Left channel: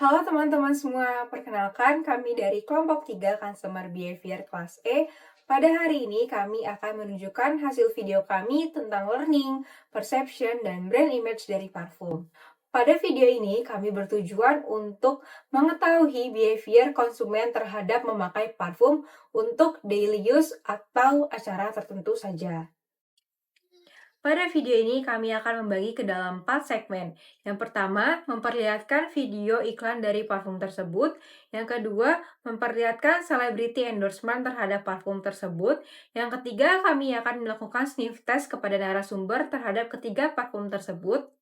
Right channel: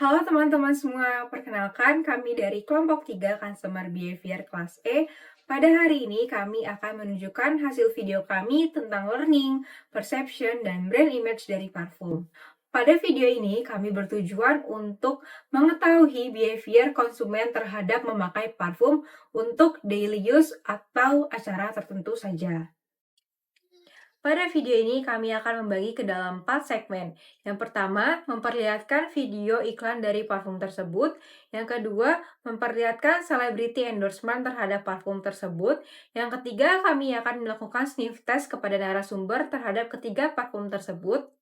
Halo teman-teman semua, perkenalkan kami dari kelompok 3 Customer Behavior kelas E. Pada hari ini kami akan menunjukkan hasil video kami tentang learning, perception, dan brand image dari parfum. Pada video ini kami bertujuan untuk mengetahui behavior konsumen terhadap memakai parfum untuk daily use atau acara tertentu saja. Pada video ini kami akan membagi ke dalam 4 segmen. Yang pertama, memperlihatkan video iklan dari parfum tersebut. Yang kedua, memperlihatkan celebrity endorsement terhadap parfum tersebut. Yang ketiga, kami akan melakukan sniff test kepada narasumber terhadap ketiga parfum tersebut.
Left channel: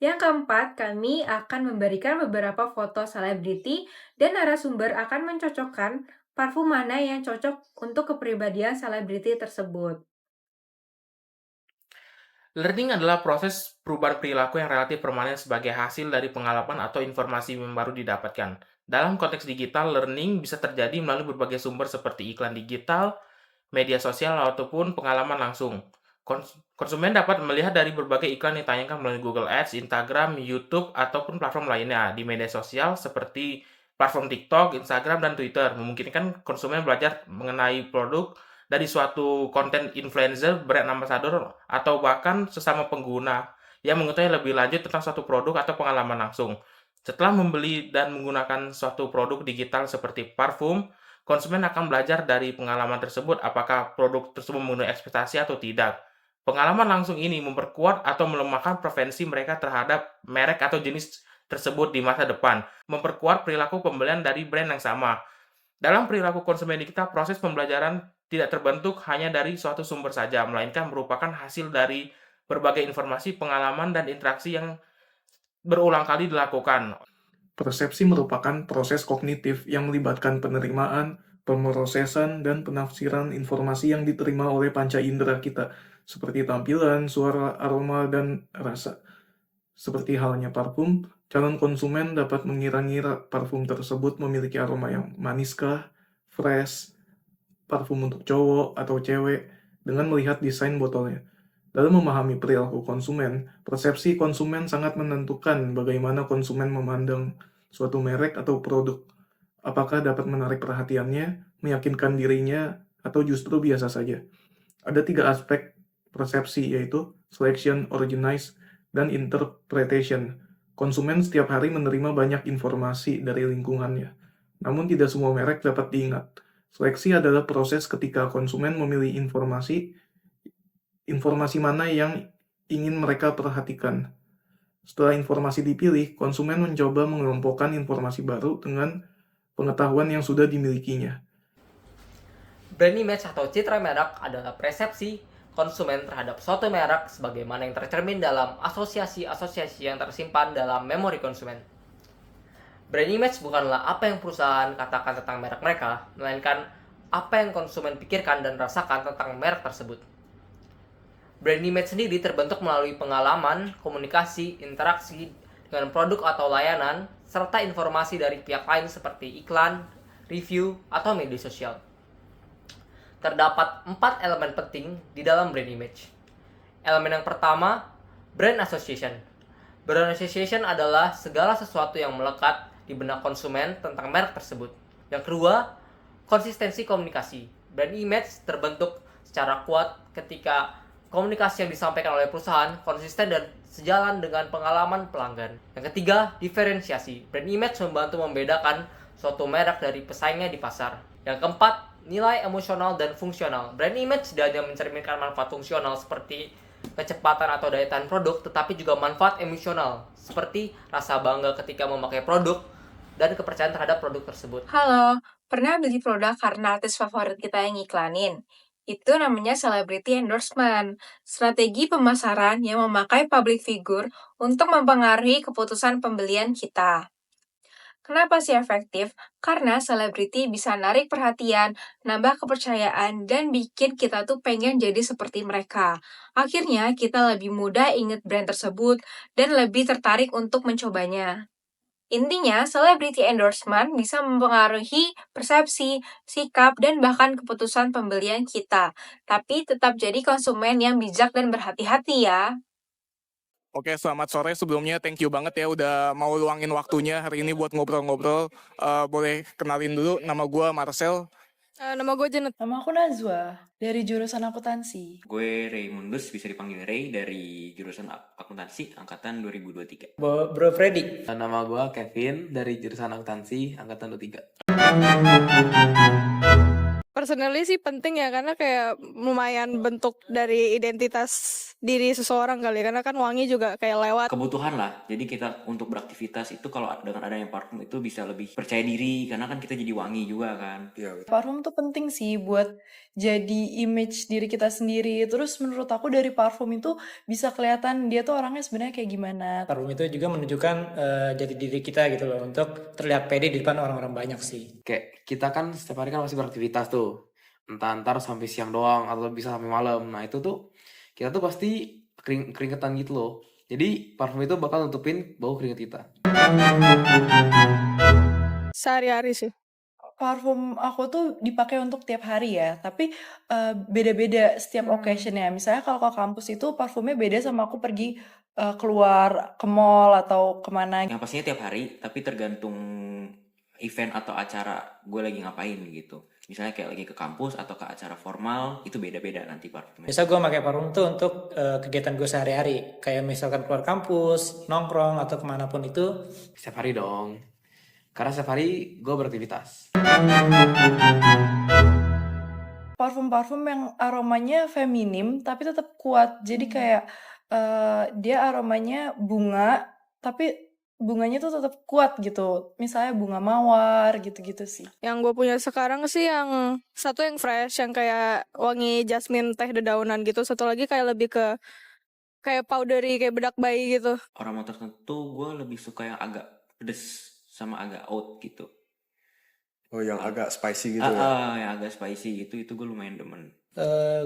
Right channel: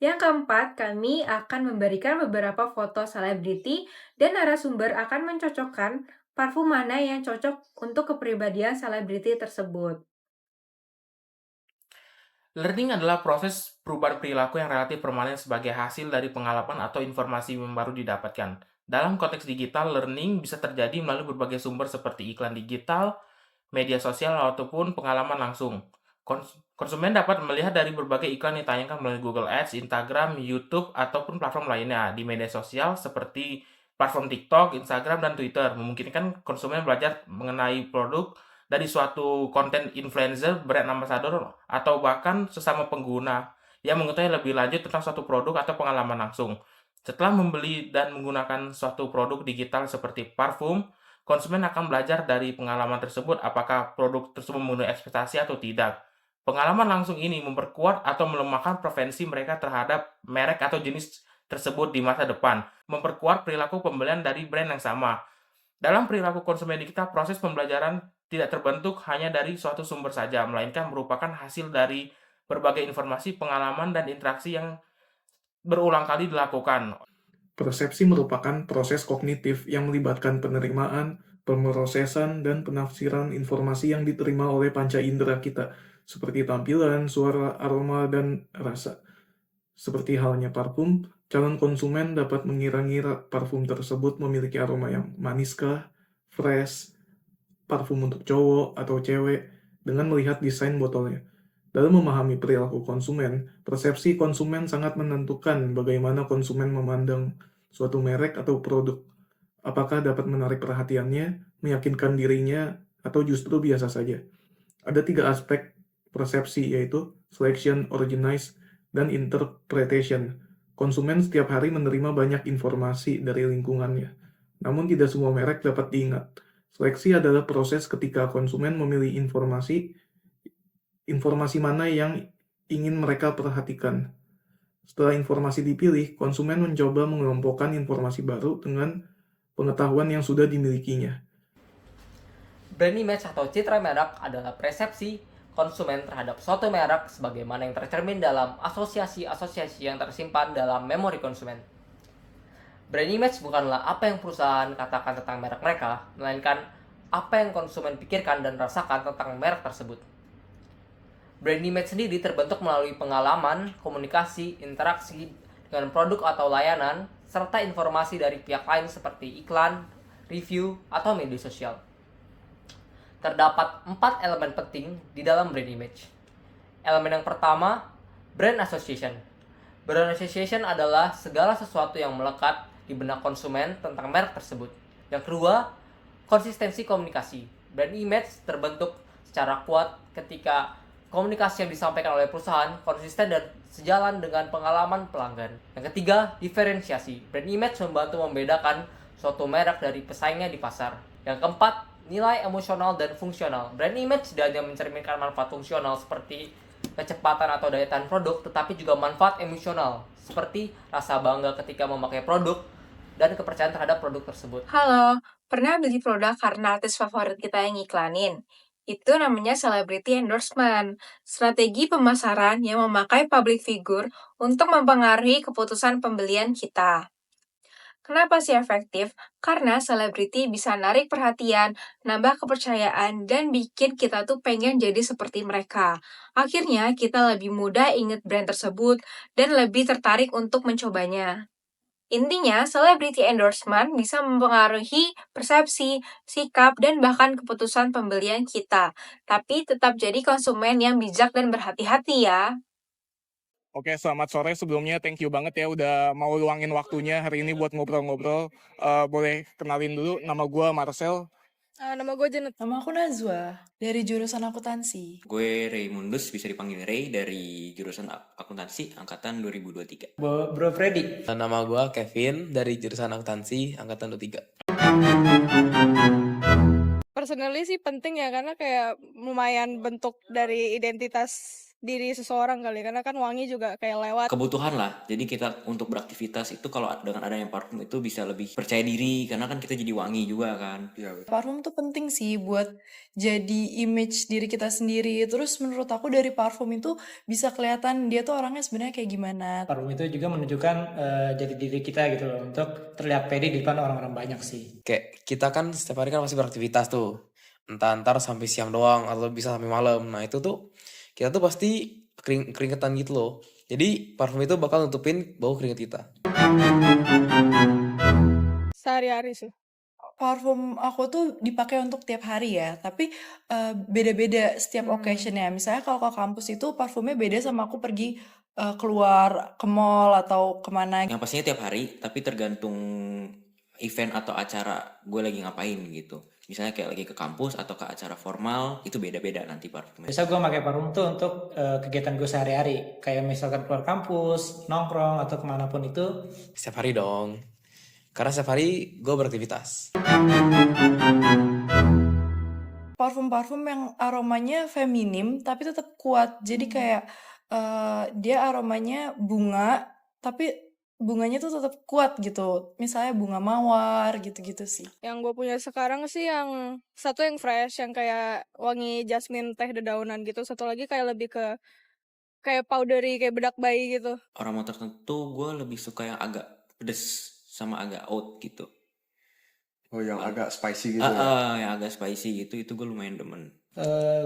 Yang keempat, kami akan memberikan beberapa foto selebriti dan narasumber akan mencocokkan parfum mana yang cocok untuk kepribadian selebriti tersebut. Learning adalah proses perubahan perilaku yang relatif permanen sebagai hasil dari pengalaman atau informasi yang baru didapatkan. Dalam konteks digital, learning bisa terjadi melalui berbagai sumber seperti iklan digital, media sosial, ataupun pengalaman langsung. Konsumen dapat melihat dari berbagai iklan yang ditayangkan melalui Google Ads, Instagram, YouTube, ataupun platform lainnya di media sosial seperti platform TikTok, Instagram, dan Twitter. Memungkinkan konsumen belajar mengenai produk dari suatu konten influencer, brand ambassador, atau bahkan sesama pengguna yang mengetahui lebih lanjut tentang suatu produk atau pengalaman langsung. Setelah membeli dan menggunakan suatu produk digital seperti parfum, konsumen akan belajar dari pengalaman tersebut apakah produk tersebut memenuhi ekspektasi atau tidak. Pengalaman langsung ini memperkuat atau melemahkan preferensi mereka terhadap merek atau jenis tersebut di masa depan, memperkuat perilaku pembelian dari brand yang sama. Dalam perilaku konsumen digital, proses pembelajaran tidak terbentuk hanya dari suatu sumber saja, melainkan merupakan hasil dari berbagai informasi, pengalaman, dan interaksi yang berulang kali dilakukan. Persepsi merupakan proses kognitif yang melibatkan penerimaan, pemrosesan, dan penafsiran informasi yang diterima oleh panca indera kita, seperti tampilan, suara, aroma, dan rasa. Seperti halnya parfum, calon konsumen dapat mengira-ngira parfum tersebut memiliki aroma yang maniskah, fresh, parfum untuk cowok atau cewek, dengan melihat desain botolnya. Dalam memahami perilaku konsumen, persepsi konsumen sangat menentukan bagaimana konsumen memandang suatu merek atau produk. Apakah dapat menarik perhatiannya, meyakinkan dirinya, atau justru biasa saja. Ada 3 aspek persepsi, yaitu selection, organize, dan interpretation. Konsumen setiap hari menerima banyak informasi dari lingkungannya, namun tidak semua merek dapat diingat. Seleksi adalah proses ketika konsumen memilih informasi mana yang ingin mereka perhatikan. Setelah informasi dipilih, konsumen mencoba mengelompokkan informasi baru dengan pengetahuan yang sudah dimilikinya. Brand image atau citra merek adalah persepsi konsumen terhadap suatu merek sebagaimana yang tercermin dalam asosiasi-asosiasi yang tersimpan dalam memori konsumen. Brand image bukanlah apa yang perusahaan katakan tentang merek mereka, melainkan apa yang konsumen pikirkan dan rasakan tentang merek tersebut. Brand image sendiri terbentuk melalui pengalaman, komunikasi, interaksi dengan produk atau layanan, serta informasi dari pihak lain seperti iklan, review, atau media sosial. Terdapat 4 elemen penting di dalam brand image. Elemen yang pertama, brand association. Brand association adalah segala sesuatu yang melekat di benak konsumen tentang merek tersebut. Yang kedua, konsistensi komunikasi. Brand image terbentuk secara kuat ketika komunikasi yang disampaikan oleh perusahaan konsisten dan sejalan dengan pengalaman pelanggan. Yang ketiga, diferensiasi. Brand image membantu membedakan suatu merek dari pesaingnya di pasar. Yang keempat, nilai emosional dan fungsional. Brand image tidak hanya mencerminkan manfaat fungsional seperti kecepatan atau daya tahan produk, tetapi juga manfaat emosional seperti rasa bangga ketika memakai produk dan kepercayaan terhadap produk tersebut. Halo, pernah beli produk karena artis favorit kita yang iklanin? Itu namanya celebrity endorsement, strategi pemasaran yang memakai public figure untuk mempengaruhi keputusan pembelian kita. Kenapa sih efektif? Karena selebriti bisa narik perhatian, nambah kepercayaan, dan bikin kita tuh pengen jadi seperti mereka. Akhirnya, kita lebih mudah inget brand tersebut dan lebih tertarik untuk mencobanya. Intinya, celebrity endorsement bisa mempengaruhi persepsi, sikap, dan bahkan keputusan pembelian kita. Tapi tetap jadi konsumen yang bijak dan berhati-hati ya. Oke, selamat sore. Sebelumnya thank you banget ya udah mau luangin waktunya hari ini buat ngobrol-ngobrol. Boleh kenalin dulu, nama gue Marcel. Nama gue Janet. Nama aku Najwa, dari jurusan akuntansi. Gue Raymundus, bisa dipanggil Ray, dari jurusan akuntansi angkatan 2023. Bro Freddy. Nama gue Kevin dari jurusan akuntansi angkatan 23. Personally sih penting ya, karena kayak lumayan bentuk dari identitas diri seseorang kali, karena kan wangi juga kayak lewat. Kebutuhan lah, jadi kita untuk beraktivitas itu kalau dengan adanya parfum itu bisa lebih percaya diri, karena kan kita jadi wangi juga kan. Parfum tuh penting sih buat jadi image diri kita sendiri. Terus menurut aku dari parfum itu bisa kelihatan dia tuh orangnya sebenarnya kayak gimana. Parfum itu juga menunjukkan jati diri kita gitu loh, untuk terlihat pede di depan orang-orang banyak sih. Kayak kita kan setiap hari kan masih beraktivitas tuh. Entah antar sampai siang doang atau bisa sampai malam. Nah itu tuh kita tuh pasti keringetan gitu loh. Jadi parfum itu bakal nutupin bau keringet kita. Sehari-hari sih. Parfum aku tuh dipakai untuk tiap hari ya, tapi beda-beda setiap occasion-nya. Misalnya kalau ke kampus itu parfumnya beda sama aku pergi keluar ke mall atau kemana. Yang pastinya tiap hari, tapi tergantung event atau acara gue lagi ngapain gitu. Misalnya kayak lagi ke kampus atau ke acara formal, itu beda-beda nanti parfumnya. Biasa gue pakai parfum tuh untuk kegiatan gue sehari-hari. Kayak misalkan keluar kampus, nongkrong, atau kemanapun itu. Setiap hari dong. Karena setiap hari gue beraktivitas. Parfum-parfum yang aromanya feminim tapi tetap kuat. Jadi kayak dia aromanya bunga, tapi bunganya tuh tetap kuat gitu. Misalnya bunga mawar gitu-gitu sih. Yang gue punya sekarang sih yang satu yang fresh, yang kayak wangi jasmine teh dedaunan gitu. Satu lagi kayak lebih ke kayak powdery, kayak bedak bayi gitu. Aroma tertentu gue lebih suka yang agak pedes sama agak oat gitu. Oh, yang agak spicy gitu ya? Yang agak spicy gitu, itu gue lumayan demen.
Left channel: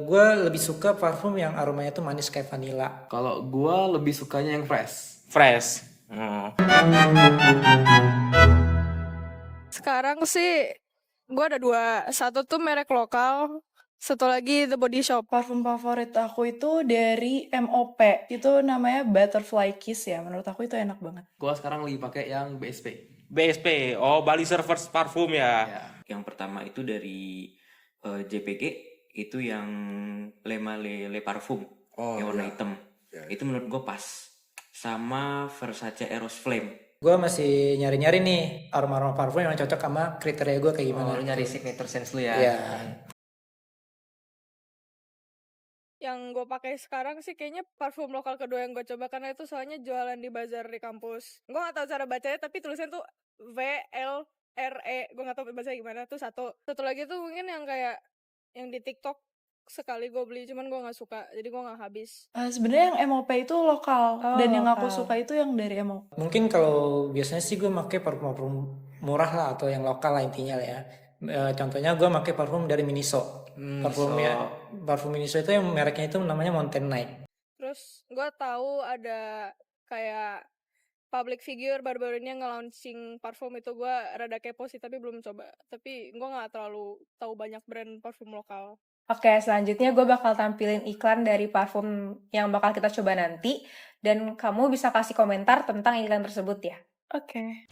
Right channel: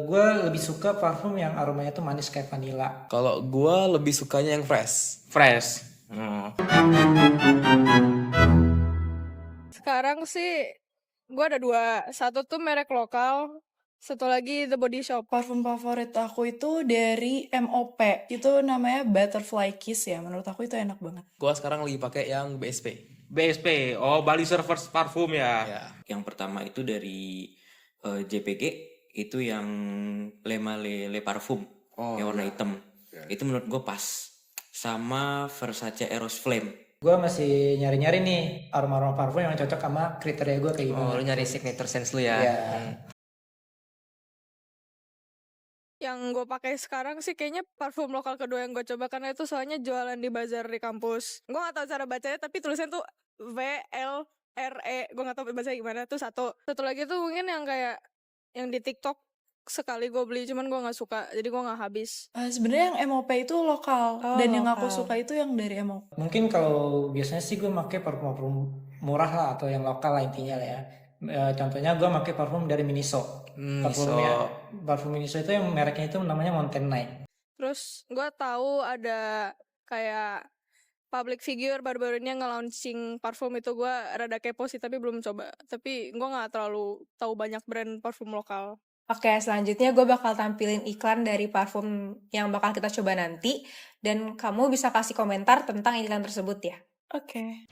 Gue lebih suka parfum yang aromanya tuh manis kayak vanilla. Kalau gue lebih sukanya yang fresh. Fresh. Sekarang sih gue ada dua. Satu tuh merek lokal, satu lagi The Body Shop. Parfum favorit aku itu dari MOP. Itu namanya Butterfly Kiss ya. Menurut aku itu enak banget. Gue sekarang lagi pakai yang BSP. BSP, oh Bali Servers Parfum ya. Yang pertama itu dari JPG, itu yang Le Parfum, yang warna hitam. Itu menurut gue pas. Sama Versace Eros Flame. Gue masih nyari-nyari nih aroma-aroma parfum yang cocok sama kriteria gue kayak gimana. Lu nyari signature sense lu ya. Iya. Yang gue pakai sekarang sih kayaknya parfum lokal kedua yang gue coba, karena itu soalnya jualan di bazar di kampus. Gue gak tahu cara bacanya, tapi tulisannya tuh VLRE. Gue gak tahu bacanya gimana. Tuh satu lagi tuh mungkin yang kayak yang di TikTok sekali gue beli, cuman gue gak suka, jadi gue gak habis. Sebenarnya yang MOP itu lokal, dan yang aku suka itu yang dari MOP. Mungkin kalau biasanya sih gue pakai parfum murah lah, atau yang lokal lah intinya lah ya. Contohnya gue pakai parfum dari Miniso. Parfum Miniso itu yang mereknya itu namanya Mountain Night. Terus gue tahu ada kayak public figure baru-baru ini yang nge-launching parfum, itu gue rada kepo sih, tapi belum coba. Tapi gue gak terlalu tahu banyak brand parfum lokal. Oke, selanjutnya gue bakal tampilin iklan dari parfum yang bakal kita coba nanti, dan kamu bisa kasih komentar tentang iklan tersebut ya. Oke.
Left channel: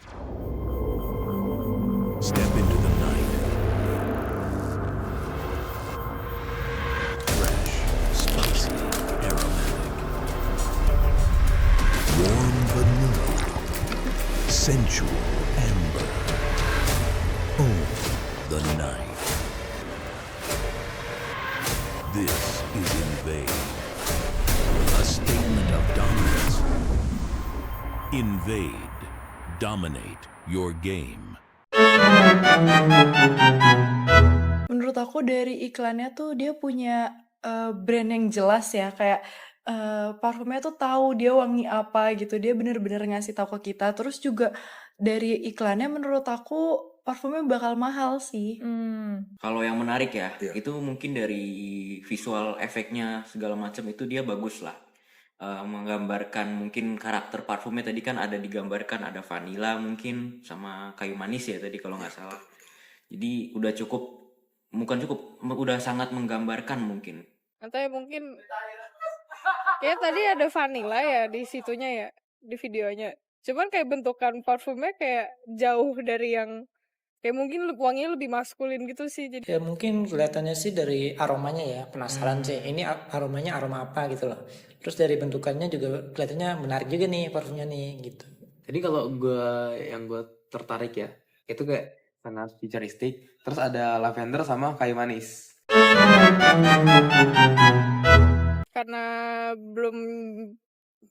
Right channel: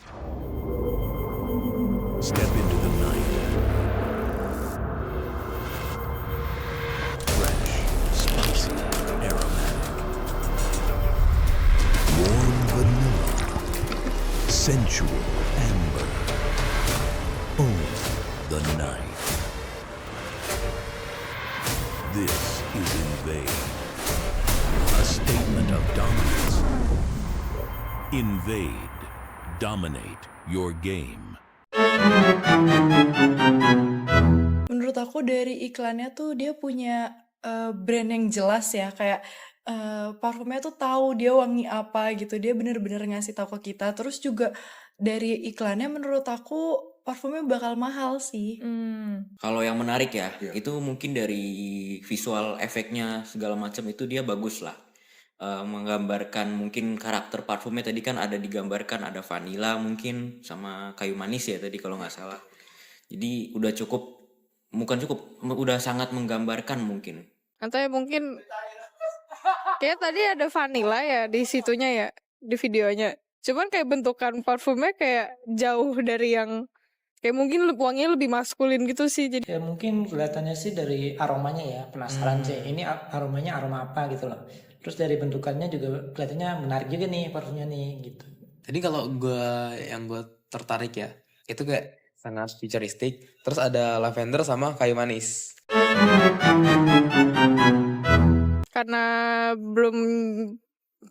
Step into the night. Fresh, spicy, aromatic. Warm vanilla. Sensual amber. Own the night. This is Invade. A statement of dominance. Invade. Dominate your game. Menurut aku dari iklannya tuh dia punya brand yang jelas ya, kayak parfumnya tuh tahu dia wangi apa gitu, dia bener-bener ngasih tahu ke kita. Terus juga dari iklannya menurut aku parfumnya bakal mahal sih. Kalau yang menarik ya, itu mungkin dari visual efeknya segala macam itu dia bagus lah. Menggambarkan mungkin karakter parfumnya tadi kan ada digambarkan, ada vanilla mungkin sama kayu manis ya tadi kalau nggak salah. Jadi udah udah sangat menggambarkan mungkin. Atau ya mungkin Kayak tadi ada vanilla ya di situnya ya, di videonya. Cuman kayak bentukan parfumnya kayak jauh dari yang kayak mungkin wanginya lebih maskulin gitu sih. Jadi Ya mungkin kelihatannya sih dari aromanya ya, penasaran sih. Ini aromanya aroma apa gitu loh. Terus dari bentukannya juga kelihatannya menarik juga nih parfumnya nih gitu. Jadi kalau yang gue tertarik ya, itu kayak sangat futuristik. Terus ada lavender sama kayu manis. karena belum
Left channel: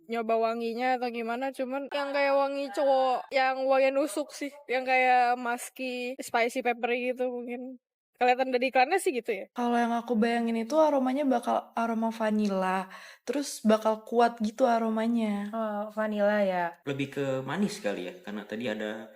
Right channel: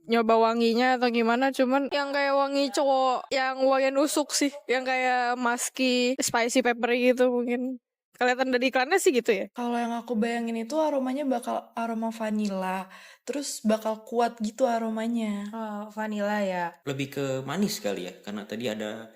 nyoba wanginya atau gimana, cuman yang kayak wangi cowok yang wangi nusuk sih, yang kayak musky, spicy peppery gitu mungkin. Kelihatan dari iklannya sih gitu ya. Kalau yang aku bayangin itu aromanya bakal aroma vanilla, terus bakal kuat gitu aromanya. Oh, vanilla ya. Lebih ke manis kali ya, karena tadi ada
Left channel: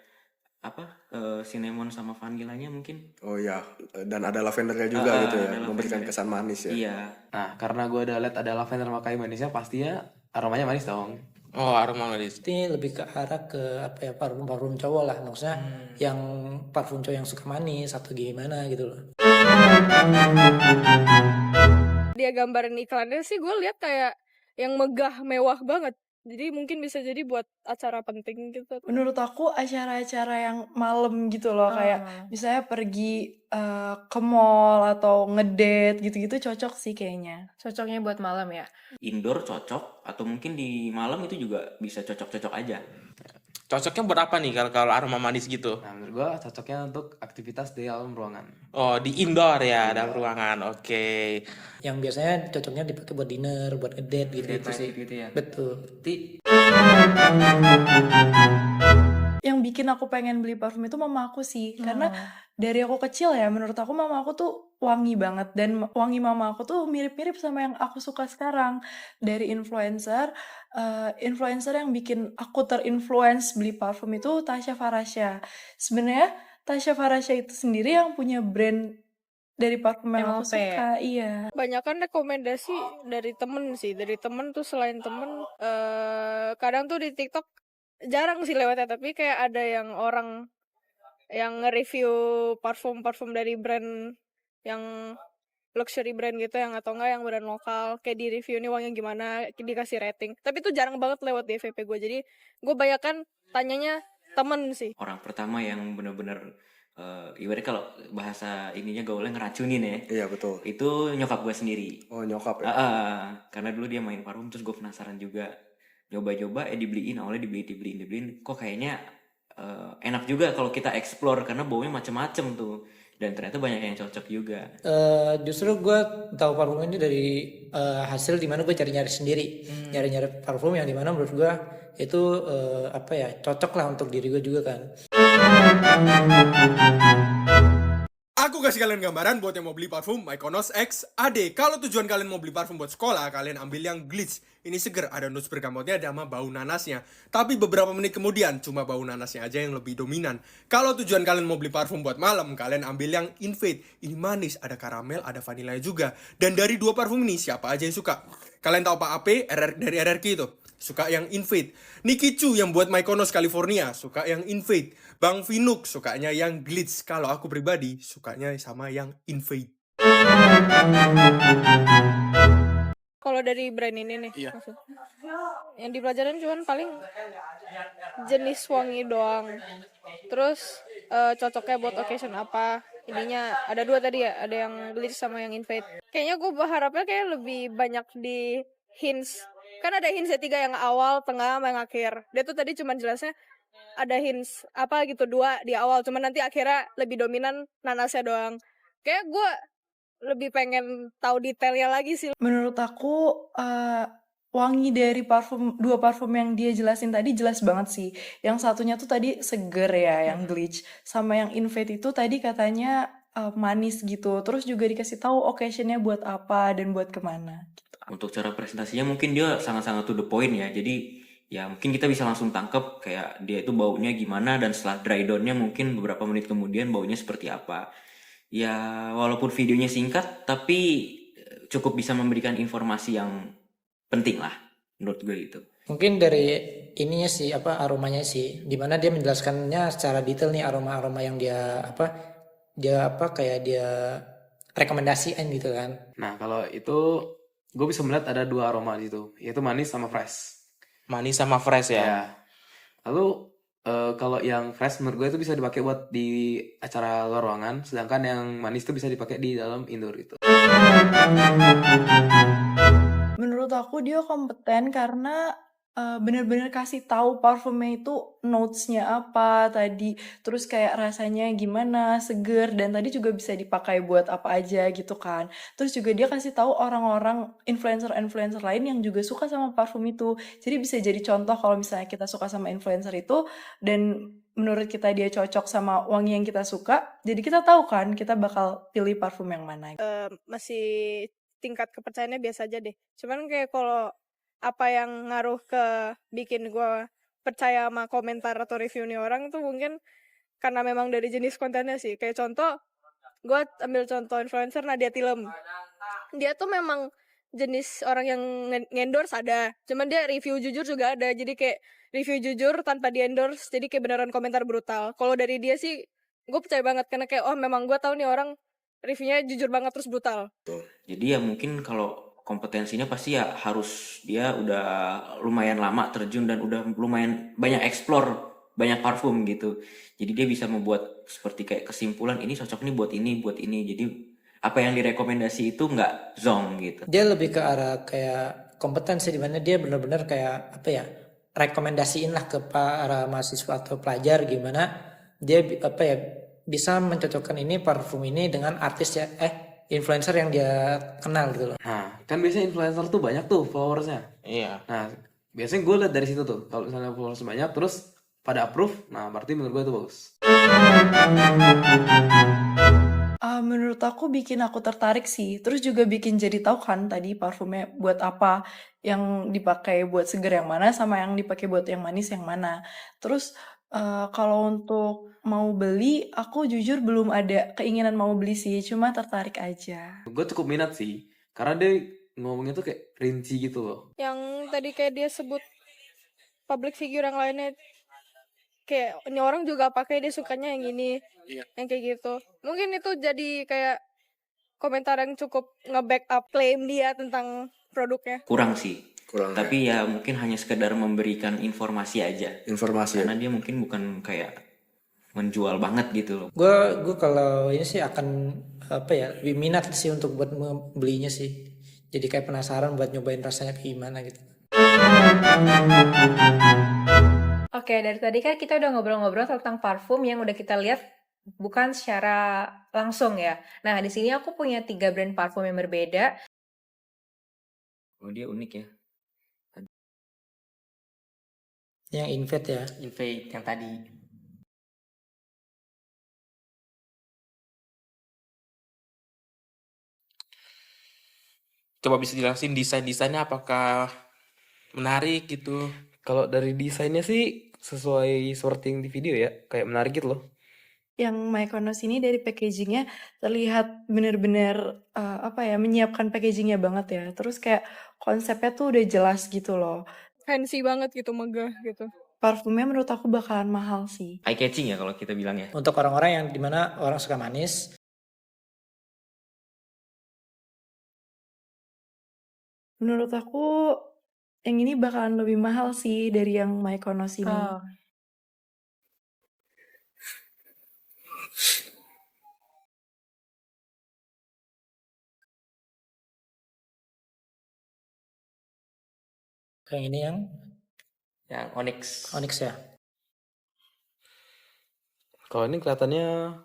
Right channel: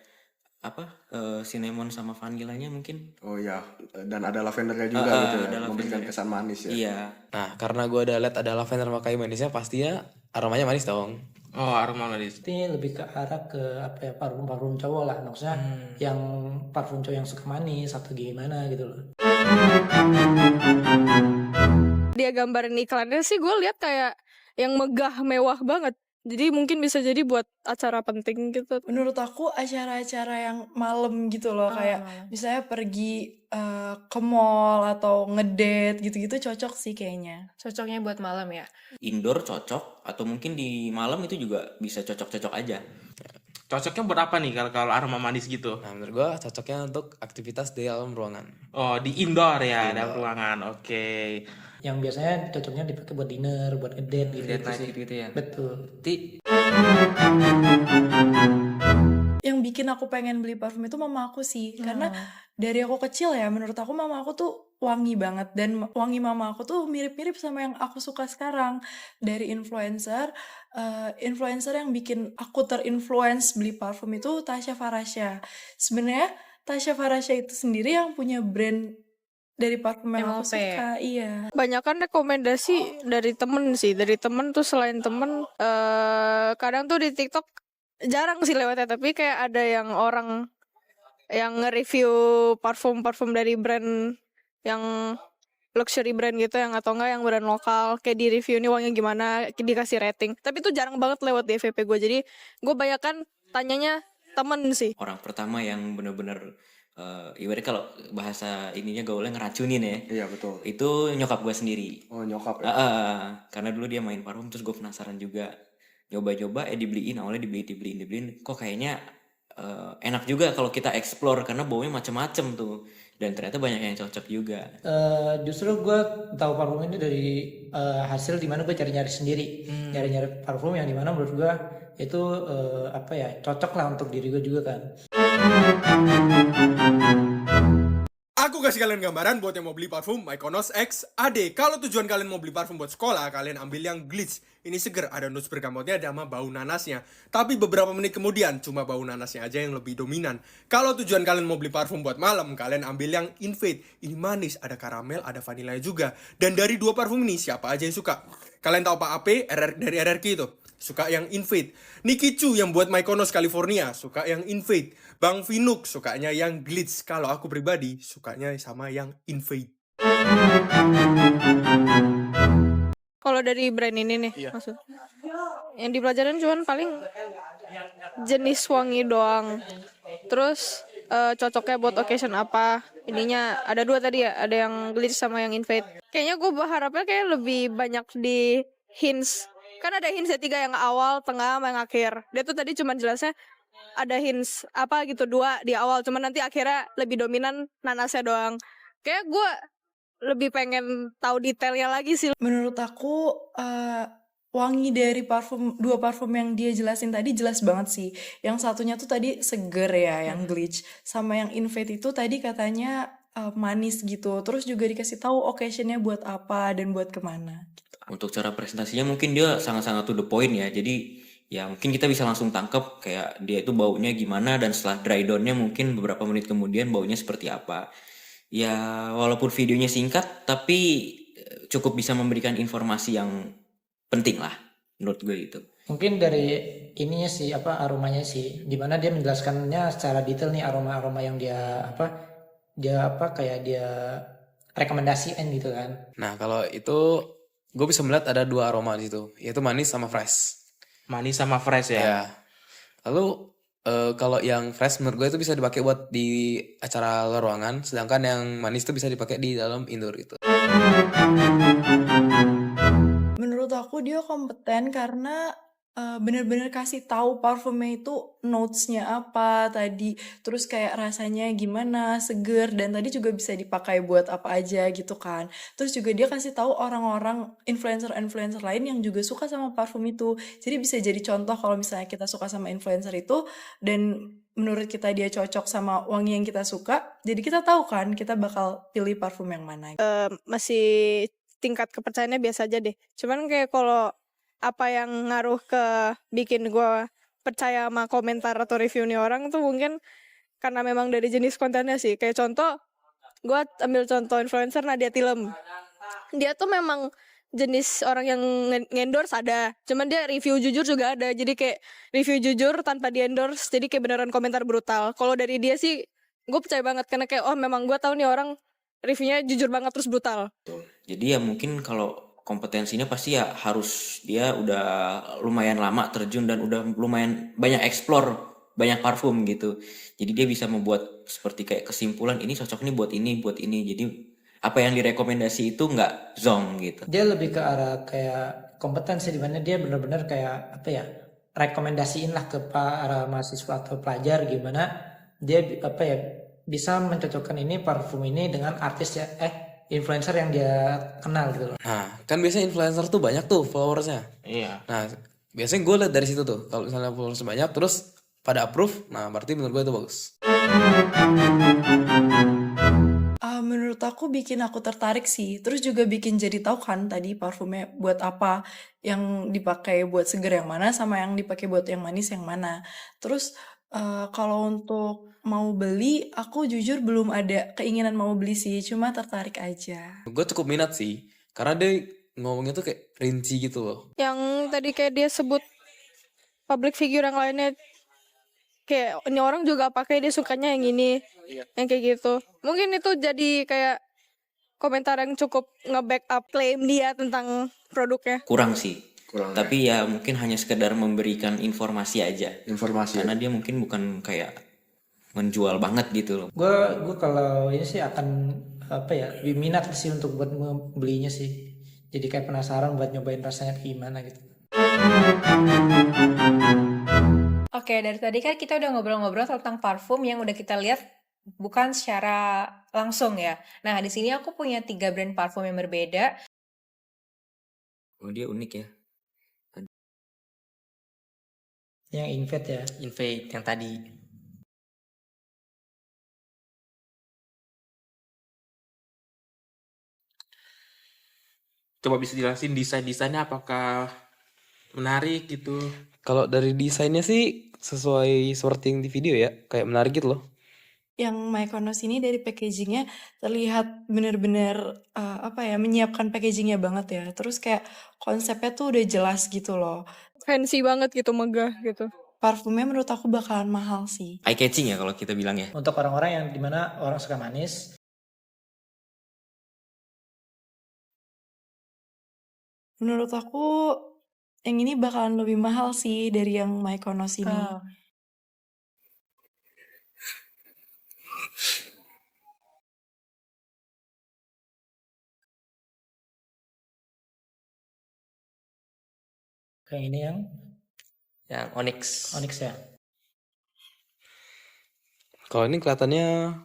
cinnamon sama vanilanya mungkin. Oh ya, dan ada lavendernya juga gitu ya, ada memberikan lavender. kesan manis ya. Iya. Nah, karena gue udah lihat ada lavender sama kayu manisnya, pastinya aromanya manis dong. Oh, aroma manis. Ini lebih ke arah ke apa ya, parfum cowok lah, maksudnya yang parfum cowok yang suka manis atau gimana gitu loh. Dia gambarin iklannya sih gue lihat kayak yang megah mewah banget. Jadi mungkin bisa jadi buat acara penting gitu. Menurut aku acara-acara yang malam gitu loh, kayak misalnya pergi ke mall atau ngedate gitu-gitu cocok sih kayaknya. Cocoknya buat malam ya. Indoor cocok, atau mungkin di malam itu juga bisa cocok-cocok aja. Cocoknya buat apa nih kalau aroma manis gitu? Nah, menurut gue cocoknya untuk aktivitas di dalam ruangan. Oh, di indoor ya, dalam ruangan. Oke. Yang biasanya cocoknya dipakai buat dinner, buat ngedate gitu, Date night sih. gitu ya. Betul. Yang bikin aku pengen beli parfum itu mama aku sih, karena dari aku kecil ya, menurut aku mama aku tuh wangi banget, dan wangi mama aku tuh mirip-mirip sama yang aku suka sekarang. Dari influencer yang bikin aku terinfluence beli parfum itu Tasya Farasya. Sebenarnya Tasya Farasya itu sendiri yang punya brand dari parfum yang aku MOP. suka. Iya. Banyakan rekomendasi dari temen sih. Dari temen tuh, selain temen kadang tuh di TikTok jarang sih lewatnya, tapi kayak ada yang orang yang nge-review parfum-parfum dari brand yang luxury brand gitu, yang atau enggak yang brand lokal, kayak di review ini wanginya gimana, dikasih rating. Tapi itu jarang banget lewat di FVP gue, jadi gue banyakan tanyanya temen sih. Orang pertama yang bener-bener ibaratnya kalau bahasa ininya gaulnya ngeracunin ya. Iya betul. Itu nyokap gue sendiri. Oh nyokap ya. Karena dulu dia main parfum, terus gue penasaran juga. Nyoba-nyoba dibeliin, awalnya dibeliin. Kok kayaknya enak juga kalau kita explore, karena baunya macem-macem tuh. Dan ternyata banyak yang cocok juga. Justru gue tahu parfum ini dari hasil dimana gue cari-cari sendiri, nyari-nyari parfum yang dimana menurut gue itu cocok lah untuk diri gue juga kan. Aku kasih kalian gambaran buat yang mau beli parfum Mykonos X AD. Kalau tujuan kalian mau beli parfum buat sekolah, kalian ambil yang Glitch. Ini seger, ada notes bergamotnya sama bau nanasnya. Tapi beberapa menit kemudian, cuma bau nanasnya aja yang lebih dominan. Kalau tujuan kalian mau beli parfum buat malam, kalian ambil yang Invade. Ini manis, ada karamel, ada vanilanya juga. Dan dari dua parfum ini, siapa aja yang suka? Kalian tahu Pak AP dari RRQ itu? Suka yang Invade. Nicky Chu yang buat Mykonos California, suka yang Invade. Bang Vinuk sukanya yang Glitch. Kalau aku pribadi, sukanya sama yang Invade. Kalau dari brand ini nih, maksud yang dipelajarin cuman paling jenis wangi doang. Terus cocoknya buat occasion apa. Ininya ada dua tadi ya, ada yang Glitch sama yang Invade. Kayaknya gue berharapnya kayak lebih banyak di hints. Kan ada hints ya, 3 yang awal, tengah, sama yang akhir. Dia tuh tadi cuma jelasnya ada hints apa gitu 2 di awal, cuma nanti akhirnya lebih dominan nanasnya doang. Kayak gue lebih pengen tahu detailnya lagi sih. Menurut aku wangi dari dua parfum yang dia jelasin tadi jelas banget sih. Yang satunya tuh tadi seger ya, yang Glitch, sama yang Invade itu tadi katanya manis gitu. Terus juga dikasih tahu occasionnya buat apa dan buat kemana. Untuk cara presentasinya mungkin dia sangat-sangat to the point ya. Jadi ya mungkin kita bisa langsung tangkep kayak dia itu baunya gimana, dan setelah dry down-nya mungkin beberapa menit kemudian baunya seperti apa. Ya walaupun videonya singkat, tapi cukup bisa memberikan informasi yang penting lah menurut gue itu. Mungkin dari ininya sih, aromanya sih, dimana dia menjelaskannya secara detail nih aroma-aroma yang dia kayak dia rekomendasiin gitu kan. Nah, kalau itu gue bisa melihat ada 2 aroma di situ, yaitu manis sama fresh. Manis sama fresh ya. Ya. Lalu kalau yang fresh menurut gue itu bisa dipakai buat di acara luar ruangan, sedangkan yang manis itu bisa dipakai di dalam indoor gitu. Menurut aku dia kompeten karena bener-bener kasih tahu parfumnya itu notes-nya apa tadi, terus kayak rasanya gimana, seger, dan tadi juga bisa dipakai buat apa aja gitu kan. Terus juga dia kasih tahu orang-orang influencer-influencer lain yang juga suka sama parfum itu. Jadi bisa jadi contoh kalau misalnya kita suka sama influencer itu dan menurut kita dia cocok sama wangi yang kita suka, jadi kita tahu kan kita bakal pilih parfum yang mana. Masih tingkat kepercayaannya biasa aja deh. Cuman kayak kalau apa yang ngaruh ke bikin gue percaya sama komentar atau review nih orang tuh mungkin karena memang dari jenis kontennya sih. Kayak contoh, gue ambil contoh influencer Nadia Tilem. Dia tuh memang jenis orang yang endorse ada, cuman dia review jujur juga ada. Jadi kayak review jujur tanpa di endorse, jadi kayak beneran komentar brutal. Kalau dari dia sih gue percaya banget karena kayak oh memang gue tahu nih orang reviewnya jujur banget terus brutal. Jadi ya mungkin kalau kompetensinya pasti ya harus dia udah lumayan lama terjun dan udah lumayan banyak explore banyak parfum gitu. Jadi dia bisa membuat seperti kayak kesimpulan ini cocok nih buat ini. Jadi apa yang direkomendasi itu nggak zong gitu. Dia lebih ke arah kayak kompetensi di mana dia benar-benar kayak apa ya, rekomendasiin lah ke para mahasiswa atau pelajar gimana dia apa ya bisa mencocokkan ini parfum ini dengan artis ya influencer yang dia kenal gitu loh. Nah, kan biasanya influencer tuh banyak tuh followersnya. Iya. Nah, biasanya gue lihat dari situ tuh. Kalau misalnya followers banyak, terus pada approve, nah berarti menurut gue itu bagus. Menurut aku bikin aku tertarik sih. Terus juga bikin jadi tahu kan tadi parfumnya buat apa, yang dipakai buat seger yang mana sama yang dipakai buat yang manis yang mana. Terus kalau untuk mau beli, aku jujur belum ada keinginan mau beli sih, cuma tertarik aja. Gue cukup minat sih, karena dia ngomongnya tuh kayak rinci gitu loh. Yang tadi kayak dia sebut public figure yang lainnya, kayak ini orang juga pakai dia sukanya yang ini, yang kayak gitu. Mungkin itu jadi kayak komentar yang cukup nge-backup klaim dia tentang produknya. Kurang sih. Tapi ya mungkin hanya sekedar memberikan informasi aja. Karena dia mungkin bukan kayak menjual banget gitu loh. Gue kalau ini sih akan apa ya lebih minat sih untuk buat membelinya sih. Jadi kayak penasaran buat nyobain rasanya kayak gimana gitu. Oke, dari tadi kan kita udah ngobrol-ngobrol tentang parfum yang udah kita lihat bukan secara langsung ya. Nah, di sini aku punya 3 brand parfum yang berbeda. Oh, dia unik ya. Yang Invade ya. Invade yang tadi. Coba bisa jelasin desain-desainnya apakah menarik gitu? Kalau dari desainnya sih sesuai seperti yang di video ya, kayak menarik gitu loh. Yang Mykonos ini dari packagingnya terlihat bener-bener apa ya, menyiapkan packagingnya banget ya. Terus kayak konsepnya tuh udah jelas gitu loh. Fancy banget gitu, megah gitu. Parfumnya menurut aku bakalan mahal sih. Eye catching ya kalau kita bilang ya. Untuk orang-orang yang dimana orang suka manis, menurut aku yang ini bakalan lebih mahal sih dari yang Mykonos ini. yang ini yang Onyx. Onyx ya. Kalau ini kelihatannya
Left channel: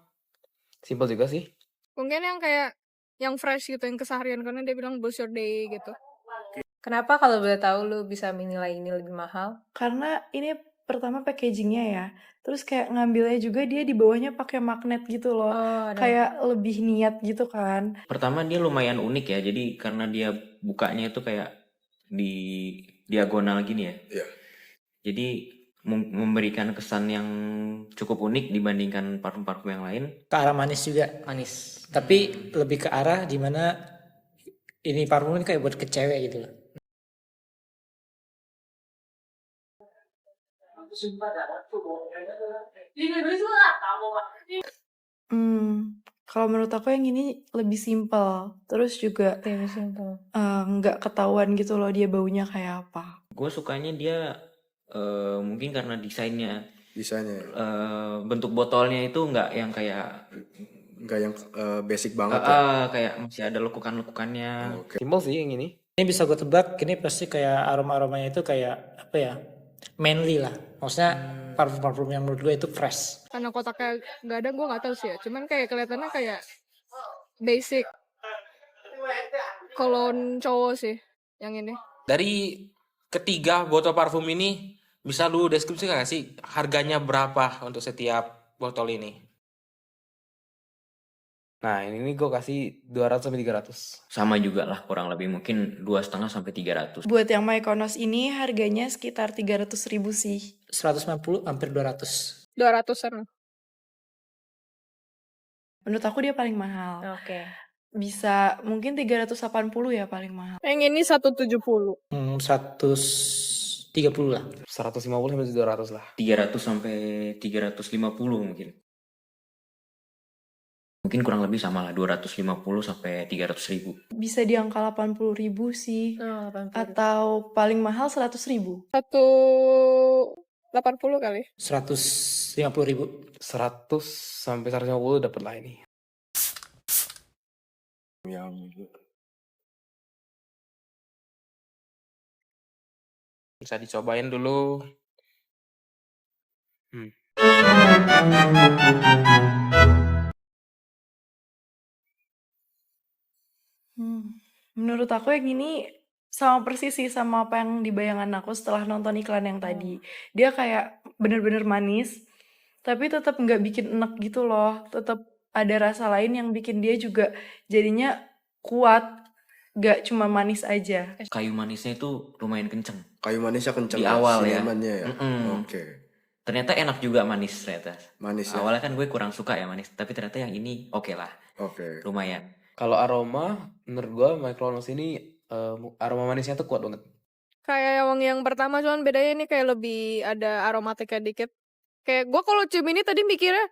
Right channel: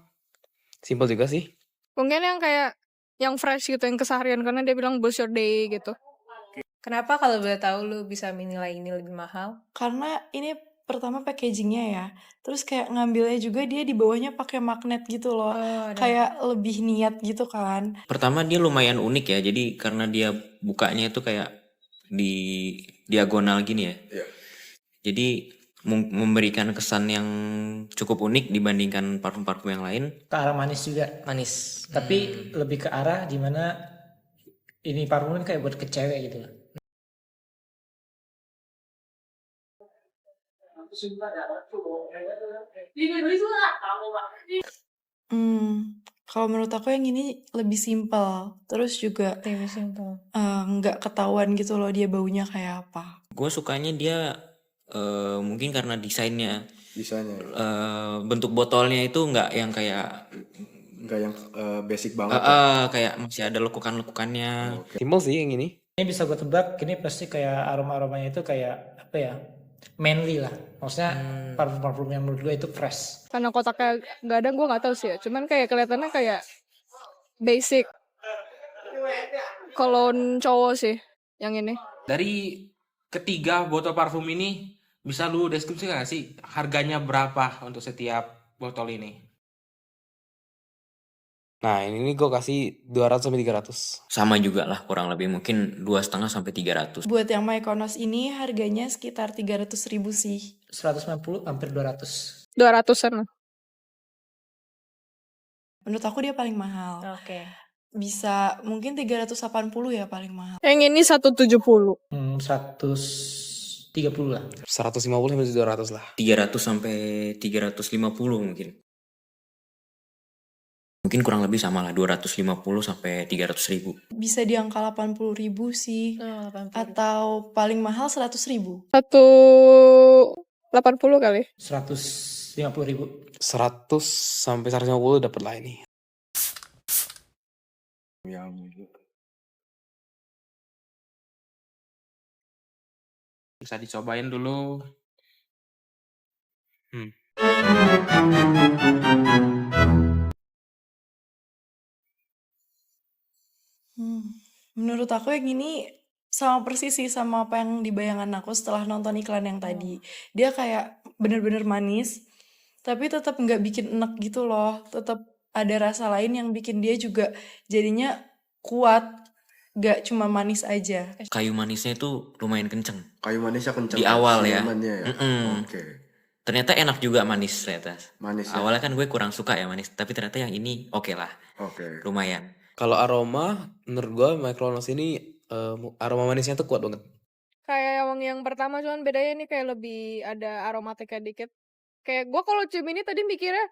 simpel juga sih. Mungkin yang kayak yang fresh gitu, yang keseharian, karena dia bilang boost your day gitu. Kenapa kalau boleh tahu lu bisa menilai ini lebih mahal? Karena ini pertama packagingnya ya, terus kayak ngambilnya juga dia di bawahnya pakai magnet gitu loh, kayak lebih niat gitu kan. Pertama dia lumayan unik ya, jadi karena dia bukanya itu kayak di diagonal gini ya. Jadi memberikan kesan yang cukup unik dibandingkan parfum-parfum yang lain. Ke arah manis juga. Manis. Tapi lebih ke arah dimana ini parfum ini kayak buat ke cewek gitu loh. Kalau menurut aku yang ini lebih simpel, terus juga Lebih simple. nggak ketahuan gitu loh dia baunya kayak apa. Gue sukanya dia mungkin karena desainnya Desainnya ya. bentuk botolnya itu nggak yang kayak Nggak yang basic banget ya. kayak masih ada lekukan-lekukannya. Oke. Simpel sih yang ini. Ini bisa gue tebak, ini pasti kayak aroma-aromanya itu kayak apa ya? Manly lah. Maksudnya parfum-parfum yang menurut gue itu fresh. Karena kotaknya nggak ada, gue nggak tahu sih ya. Cuman kayak kelihatannya kayak basic. Kolon cowok sih yang ini. Dari ketiga botol parfum ini, bisa lu deskripsikan nggak sih harganya berapa untuk setiap botol ini? Nah, ini gue kasih 200 sampai 300. Sama juga lah kurang lebih mungkin 2,5 sampai 300. Buat yang Mykonos ini harganya sekitar 300.000 sih. 150 hampir 200. 200-an lah. Menurut aku dia paling mahal. Oke. Bisa mungkin 380 ya paling mahal. Yang ini 170. 130 lah. 150 sampai 200 lah. 300 sampai 350 mungkin. Mungkin kurang lebih sama lah 250 sampai 300.000. Bisa di angka 80.000 sih. Oh, 80.000. Atau paling mahal 100.000. 180 kali. 150.000. 100 sampai 150 dapat lah ini. Yang Bisa dicobain dulu. Menurut aku yang ini sama persis sih sama apa yang di bayangan aku setelah nonton iklan yang tadi. Dia kayak bener-bener manis, tapi tetap nggak bikin enek gitu loh. Tetap ada rasa lain yang bikin dia juga jadinya kuat, nggak cuma manis aja. Kayu manisnya itu lumayan kenceng. kayu manisnya kenceng Di awal ya. cinnamonnya ya. Mm-mm. Oke. Ternyata enak juga manis ternyata. Manis ya. Awalnya kan gue kurang suka ya manis, tapi ternyata yang ini oke lah, Oke. lumayan. Kalau aroma, menurut gue Mykonos ini aroma manisnya tuh kuat banget. Kayak yang pertama, cuman bedanya ini kayak lebih ada aromatiknya dikit. Kayak gue kalau cium ini tadi mikirnya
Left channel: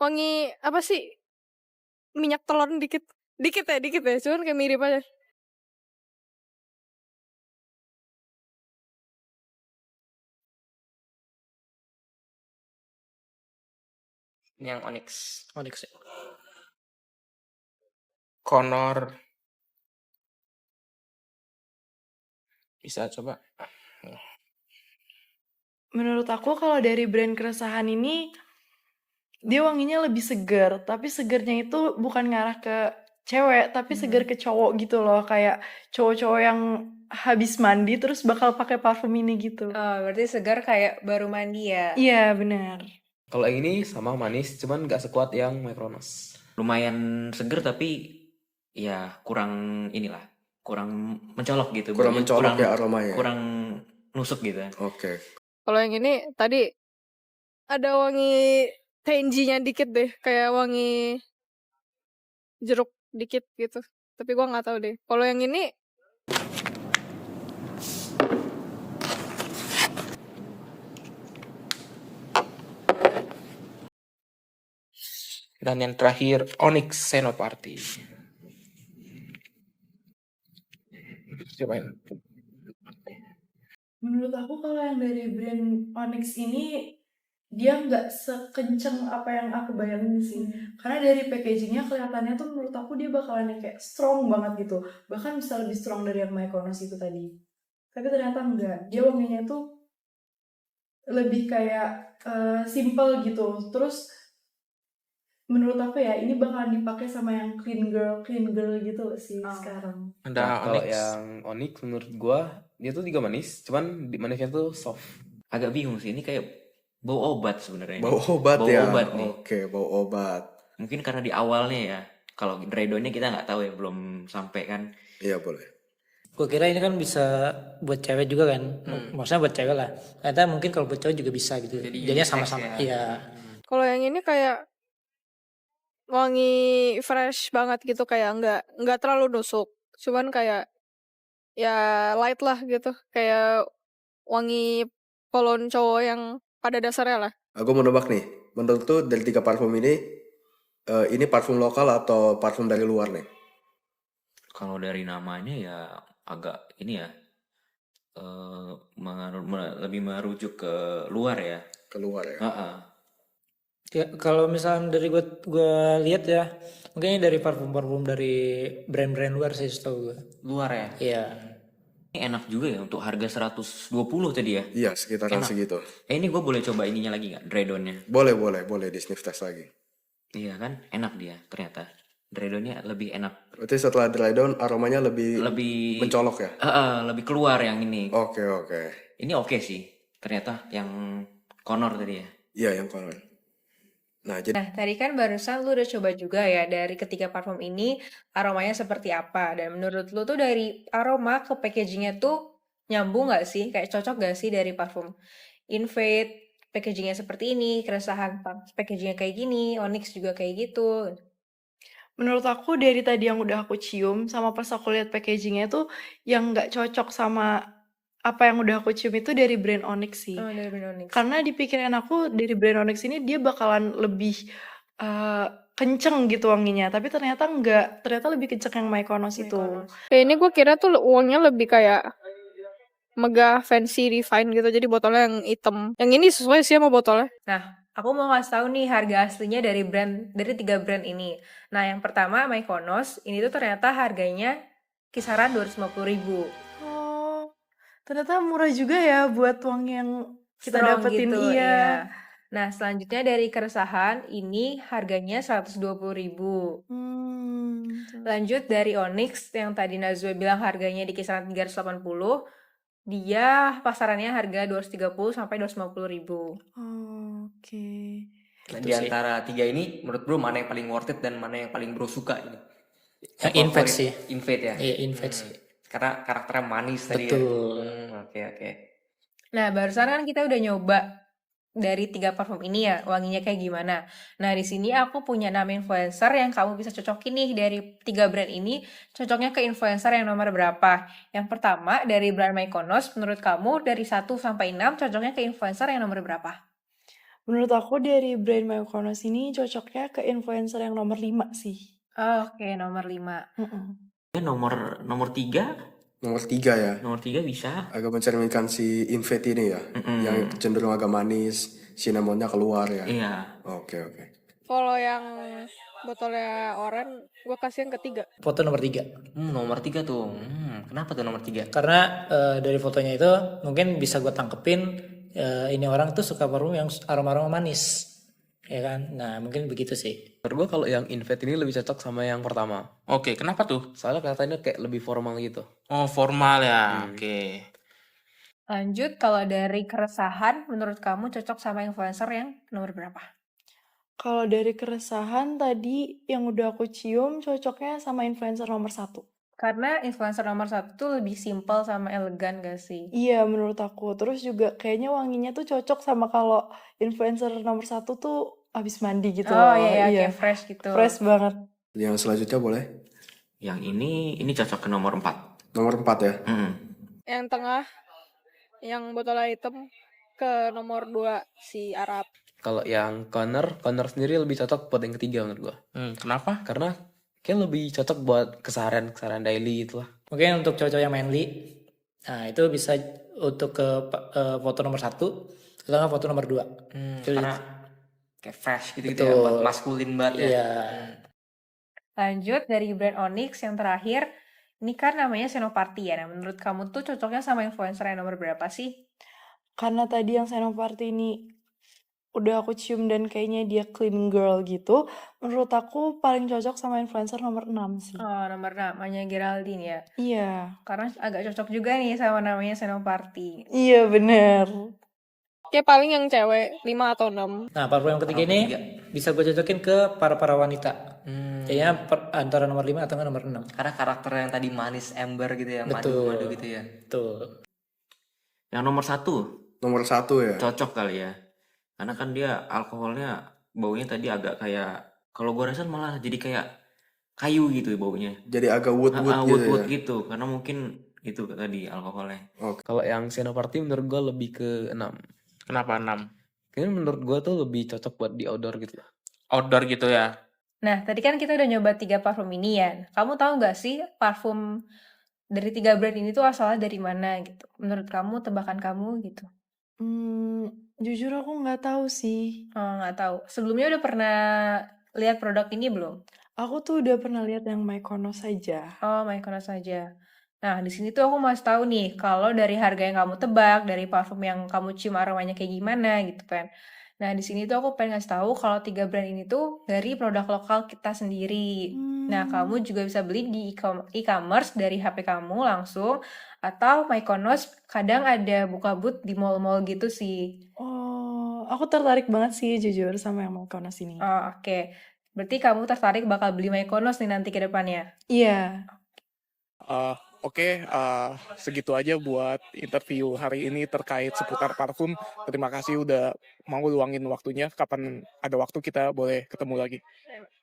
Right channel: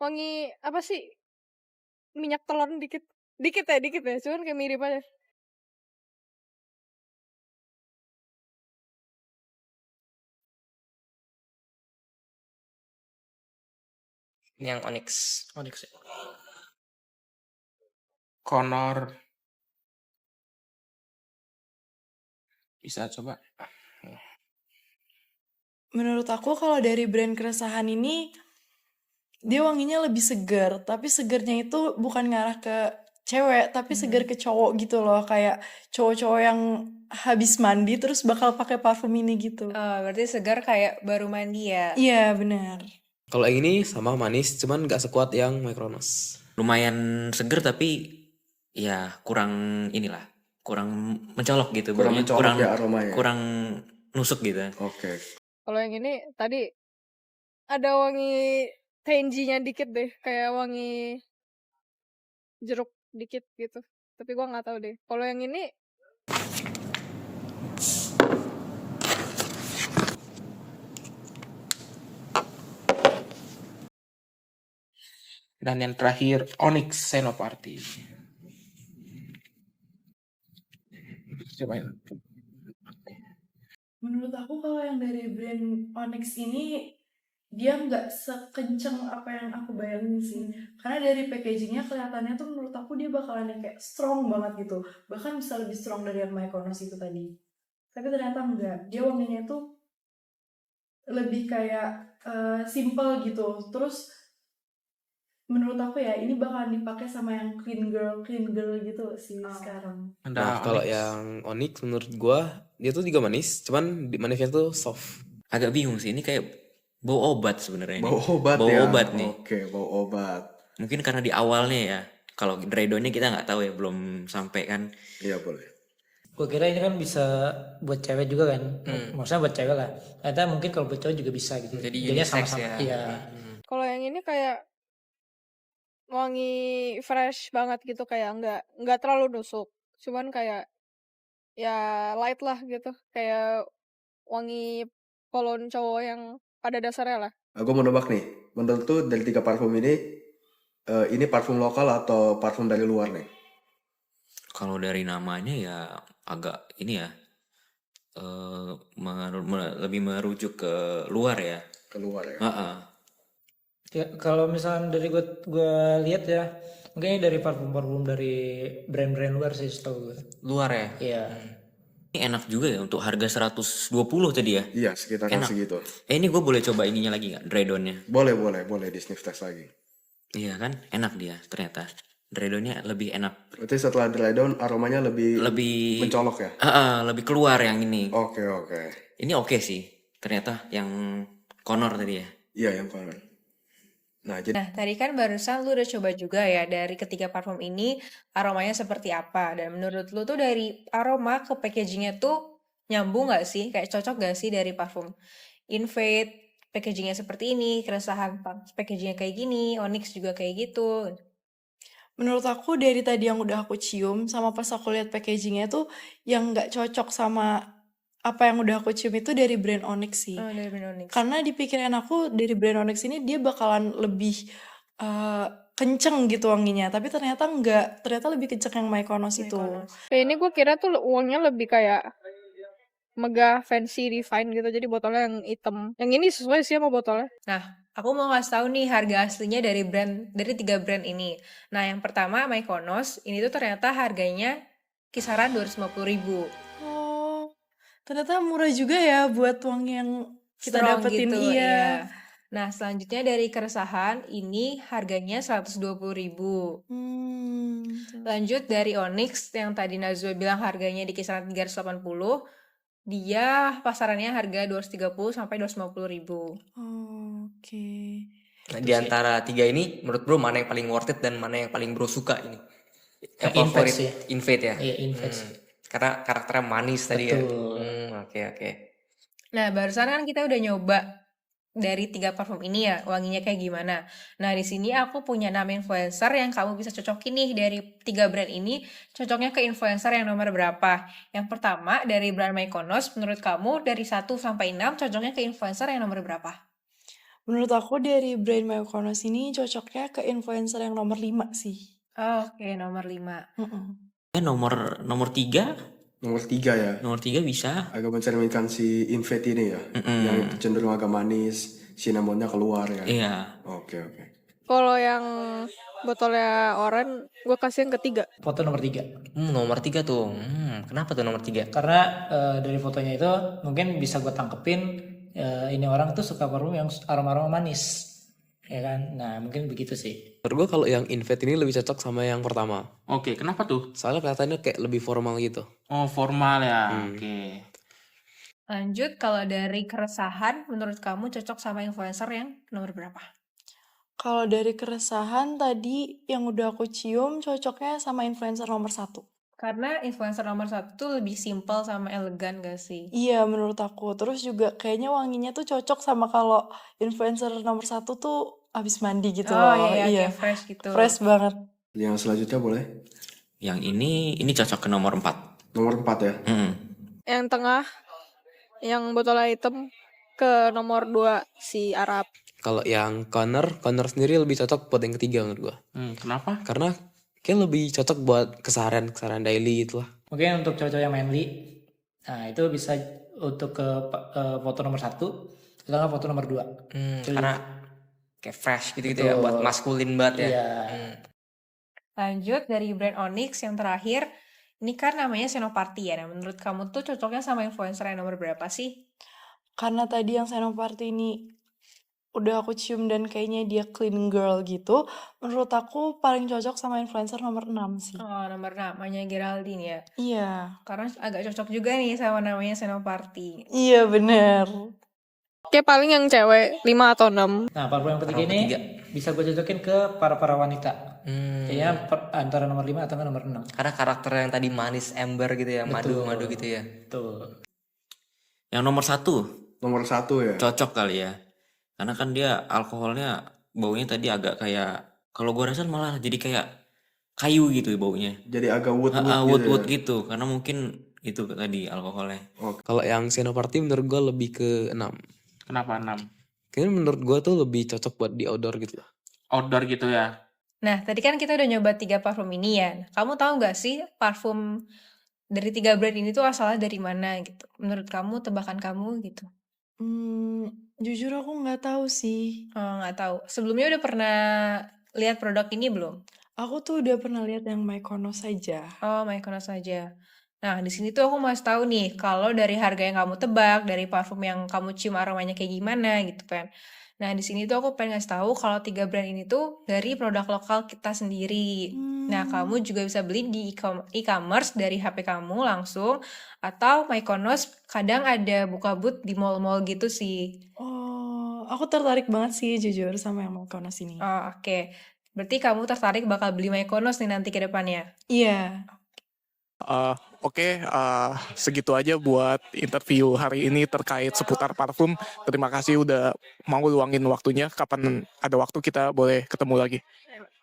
wangi apa sih? Minyak telur dikit. Dikit ya. Cuman kayak mirip aja. Ini yang Onyx. Onyx ya. Connor. Bisa coba. Menurut aku kalau dari brand keresahan ini dia wanginya lebih segar, tapi segernya itu bukan ngarah ke cewek, tapi segar ke cowok gitu loh, kayak cowok-cowok yang habis mandi terus bakal pakai parfum ini gitu. Oh, berarti segar kayak baru mandi ya? Iya, benar. Kalau yang ini sama manis, cuman nggak sekuat yang Mykonos. Lumayan seger tapi ya kurang inilah, kurang mencolok gitu. Kurang Baunya mencolok ya aromanya. Kurang nusuk gitu. Oke. Kalau yang ini tadi ada wangi tangy-nya dikit deh, kayak wangi jeruk dikit gitu. Tapi gua nggak tahu deh. Kalau yang ini Dan yang terakhir Onyx Senoparty. Cobain. Menurut aku kalau yang dari brand Onyx ini dia nggak sekenceng apa yang aku bayangin sih. Karena dari packagingnya kelihatannya tuh menurut aku dia bakalan yang kayak strong banget gitu. Bahkan bisa lebih strong dari yang Mykonos itu tadi. Tapi ternyata enggak. Dia wanginya tuh lebih kayak simple gitu. Terus menurut aku ya ini bakalan dipakai sama yang clean girl gitu sih sekarang. Nah, kalau yang Onyx menurut gua dia tuh juga manis, cuman manisnya tuh soft. Agak bingung sih, ini kayak bau obat sebenarnya. Bau obat bau ya. obat nih. Oke, bau obat. Mungkin karena di awalnya ya. Kalau Dredonya kita nggak tahu ya, belum sampai kan. Iya boleh. Gue kira ini kan bisa buat cewek juga kan. Maksudnya buat cewek lah. Ternyata mungkin kalau buat cowok juga bisa gitu. Jadinya sama-sama. Iya. kalau yang ini kayak wangi fresh banget gitu, kayak nggak terlalu nusuk. Cuman kayak ya light lah gitu. Kayak wangi kolon cowok yang pada dasarnya lah. Aku mau nebak nih. Menurut tuh dari 3 parfum ini Ini parfum lokal atau parfum dari luar nih? Kalau dari namanya ya agak ini ya, lebih merujuk ke luar ya. Keluar ya. Heeh. Ya, kalau misalnya dari gue lihat ya, mungkin ini dari parfum-parfum dari brand-brand luar sih setahu gue. Luar ya. Iya. Ini enak juga ya untuk harga 120 tadi ya. Iya, sekitaran Enak. segitu. Ini gue boleh coba ininya lagi nggak? Dredonnya. Boleh di sniff test lagi. Iya kan, enak dia ternyata. Dredonnya lebih enak. Berarti setelah dry down aromanya lebih Lebih mencolok ya? lebih keluar yang ini. Oke. Ini oke sih. Ternyata yang Connor tadi ya. Iya, yang konon. Nah, jadi Nah, tadi kan barusan lu udah coba juga ya dari ketiga parfum ini aromanya seperti apa. Dan menurut lu tuh dari aroma ke packagingnya tuh nyambung gak sih? Kayak cocok gak sih dari parfum Invade, packagingnya seperti ini, keresahan packagingnya kayak gini, Onyx juga kayak gitu. Menurut aku dari tadi yang udah aku cium sama pas aku lihat packagingnya tuh yang nggak cocok sama apa yang udah aku cium itu dari brand Onyx sih. Oh, dari brand Onyx. Karena di pikiran aku dari brand Onyx ini dia bakalan lebih kenceng gitu wanginya, tapi ternyata enggak. Ternyata lebih kenceng yang Mykonos itu. Kayak ini gue kira tuh uangnya lebih kayak megah, fancy, refine gitu. Jadi botolnya yang hitam. Yang ini sesuai sih sama botolnya. Nah, aku mau ngasih tahu nih harga aslinya dari tiga brand ini. Nah, yang pertama Mykonos, ini tuh ternyata harganya kisaran 250.000. Oh, ternyata murah juga ya buat wangi yang kita Strong dapetin. gitu, Iya. Nah, selanjutnya dari keresahan, ini harganya 120.000. Lanjut dari Onyx, yang tadi Nazwa bilang harganya di kisaran 380, dia pasarannya harga 230 sampai 250.000. Oh, oke. Nah, di antara tiga ini, menurut bro mana yang paling worth it dan mana yang paling bro suka ini? Yang Invade sih. Invade ya? Iya, Invade sih. Karena karakternya manis tadi ya. Betul. Oke. Nah, barusan kan kita udah nyoba dari tiga parfum ini ya, wanginya kayak gimana. Nah, di sini aku punya 6 influencer yang kamu bisa cocokin nih dari tiga brand ini, cocoknya ke influencer yang nomor berapa. Yang pertama, dari brand Mykonos, menurut kamu dari 1 sampai 6 cocoknya ke influencer yang nomor berapa? Menurut aku dari brand Mykonos ini cocoknya ke influencer yang nomor 5 sih. Oke, nomor 5. Nomor 3? Nomor 3 ya. Nomor 3 bisa. Agak mencerminkan si Invade ini ya. Yang cenderung agak manis, cinnamonnya keluar ya. Iya. Oke. Kalau yang botolnya oranye, gue kasih yang ketiga. Foto nomor 3. Nomor 3 tuh. Kenapa tuh nomor 3? Karena dari fotonya itu mungkin bisa gue tangkepin ini orang tuh suka parfum yang aroma-aroma manis. Ya kan? Nah, mungkin begitu sih. Menurut gue kalau yang Invade ini lebih cocok sama yang pertama. Oke, kenapa tuh? Soalnya kelihatannya kayak lebih formal gitu. Oh, formal ya. Oke. Lanjut, kalau dari keresahan, menurut kamu cocok sama influencer yang nomor berapa? Kalau dari keresahan tadi yang udah aku cium cocoknya sama influencer nomor 1. Karena influencer nomor 1 tuh lebih simple sama elegan gak sih? Iya, menurut aku. Terus juga kayaknya wanginya tuh cocok sama kalau influencer nomor 1 tuh habis mandi gitu Oh loh. iya, kayak fresh gitu. Fresh banget. Yang selanjutnya boleh? Yang ini cocok ke nomor 4. Nomor 4 ya? Yang tengah, yang botolnya hitam, ke nomor 2 si Arab. Kalau yang Connor sendiri lebih cocok buat yang ketiga menurut gua. Kenapa? Karena kayak lebih cocok buat keseharian daily gitu lah. Mungkin untuk cowok yang manly, nah itu bisa untuk ke foto nomor 1 atau nggak foto nomor 2. Karena kayak fresh gitu ya, buat maskulin banget ya. Iya. Lanjut dari brand Onyx yang terakhir, ini kan namanya Senoparty ya. Nah, menurut kamu tuh cocoknya sama influencer yang nomor berapa sih? Karena tadi yang Senoparty ini udah aku cium dan kayaknya dia clean girl gitu, menurut aku paling cocok sama influencer nomor 6 sih. Oh, nomor 6, namanya Geraldine ya? Iya. Karena agak cocok juga nih sama namanya Senoparty. Iya, bener. Oke, paling yang cewek 5 atau 6. Nah, parfum yang ketiga ini bisa gue cocokin ke para wanita. Kayaknya antara nomor 5 atau nomor 6. Karena karakter yang tadi manis ember gitu ya, madu gitu ya. Betul. Yang nomor 1? Nomor 1 ya? Cocok kali ya. Karena kan dia alkoholnya baunya tadi agak kayak, kalau gue rasa malah jadi kayak kayu gitu baunya. Jadi agak wood gitu. Karena mungkin itu tadi alkoholnya. Kalau yang Senoparty menurut gue lebih ke 6. Kenapa 6? Kayaknya menurut gue tuh lebih cocok buat di outdoor gitu lah. Outdoor gitu ya? Nah, tadi kan kita udah nyoba 3 parfum ini ya. Kamu tahu nggak sih parfum dari 3 brand ini tuh asalnya dari mana gitu? Menurut kamu, tebakan kamu gitu? Jujur aku nggak tahu sih. Oh, nggak tahu. Sebelumnya udah pernah lihat produk ini belum? Aku tuh udah pernah lihat yang Mykonos saja. Oh, Mykonos saja. Nah, di sini tuh aku masih tahu nih, kalau dari harga yang kamu tebak, dari parfum yang kamu cium aromanya kayak gimana gitu kan. Nah, di sini tuh aku pengen ngasih tahu kalau 3 brand ini tuh dari produk lokal kita sendiri. Nah, kamu juga bisa beli di e-commerce dari HP kamu langsung, atau Mykonos kadang ada buka booth di mall-mall gitu sih. Oh, aku tertarik banget sih jujur sama yang Mykonos ini. Oh, oke. Berarti kamu tertarik bakal beli Mykonos nih nanti ke depannya? Iya. Oke, segitu aja buat interview hari ini terkait seputar parfum. Terima kasih udah mau luangin waktunya. Kapan ada waktu kita boleh ketemu lagi.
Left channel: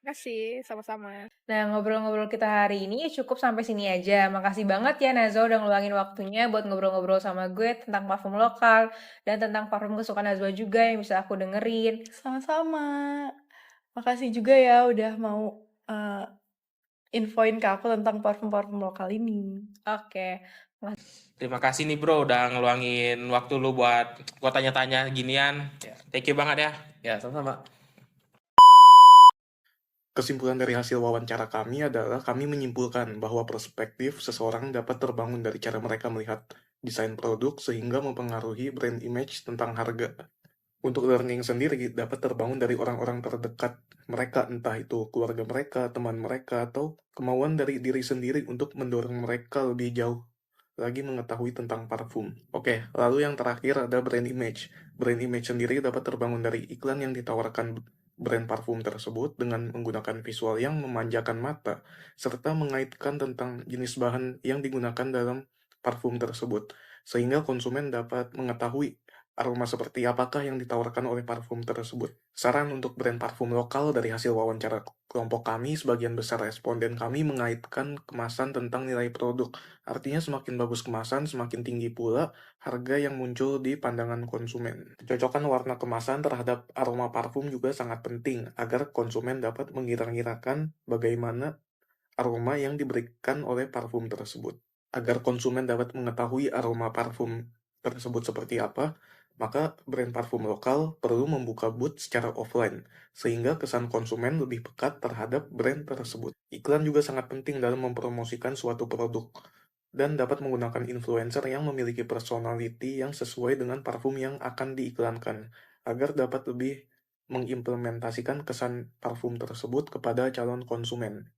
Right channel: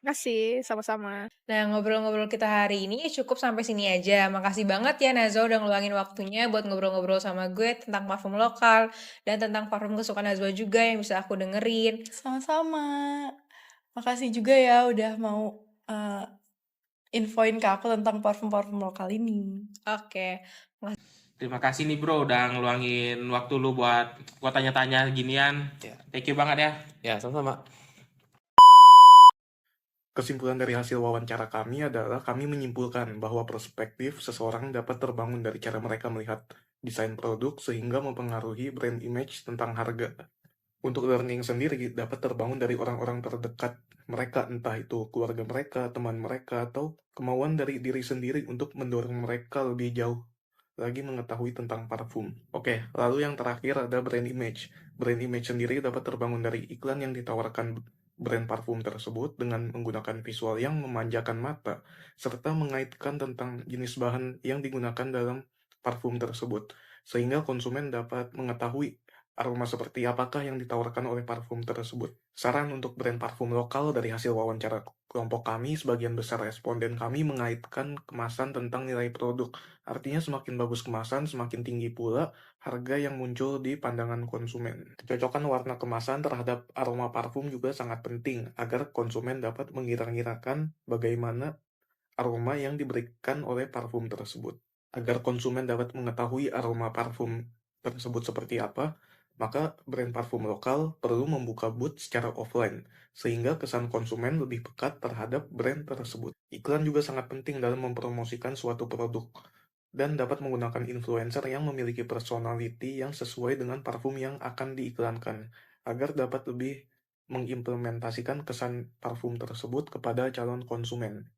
Makasih, sama-sama. Nah, ngobrol-ngobrol kita hari ini cukup sampai sini aja. Makasih banget ya Nazwa udah ngeluangin waktunya buat ngobrol-ngobrol sama gue tentang parfum lokal dan tentang parfum kesukaan Nazwa juga yang bisa aku dengerin. Sama-sama. Makasih juga ya udah mau infoin ke aku tentang parfum-parfum lokal ini. Oke. Terima kasih nih bro udah ngeluangin waktu lu buat gua tanya-tanya ginian. Thank you banget ya. Ya, sama-sama. Kesimpulan dari hasil wawancara kami adalah kami menyimpulkan bahwa perspektif seseorang dapat terbangun dari cara mereka melihat desain produk sehingga mempengaruhi brand image tentang harga. Untuk learning sendiri dapat terbangun dari orang-orang terdekat mereka, entah itu keluarga mereka, teman mereka, atau kemauan dari diri sendiri untuk mendorong mereka lebih jauh lagi mengetahui tentang parfum. Oke, lalu yang terakhir ada brand image. Brand image sendiri dapat terbangun dari iklan yang ditawarkan brand parfum tersebut dengan menggunakan visual yang memanjakan mata, serta mengaitkan tentang jenis bahan yang digunakan dalam parfum tersebut, sehingga konsumen dapat mengetahui aroma seperti apakah yang ditawarkan oleh parfum tersebut. Saran untuk brand parfum lokal dari hasil wawancara kelompok kami, sebagian besar responden kami mengaitkan kemasan tentang nilai produk. Artinya semakin bagus kemasan, semakin tinggi pula harga yang muncul di pandangan konsumen. Kecocokan warna kemasan terhadap aroma parfum juga sangat penting agar konsumen dapat mengira-ngirakan bagaimana aroma yang diberikan oleh parfum tersebut. Agar konsumen dapat mengetahui aroma parfum tersebut seperti apa, maka brand parfum lokal perlu membuka booth secara offline, sehingga kesan konsumen lebih pekat terhadap brand tersebut. Iklan juga sangat penting dalam mempromosikan suatu produk, dan dapat menggunakan influencer yang memiliki personality yang sesuai dengan parfum yang akan diiklankan, agar dapat lebih mengimplementasikan kesan parfum tersebut kepada calon konsumen.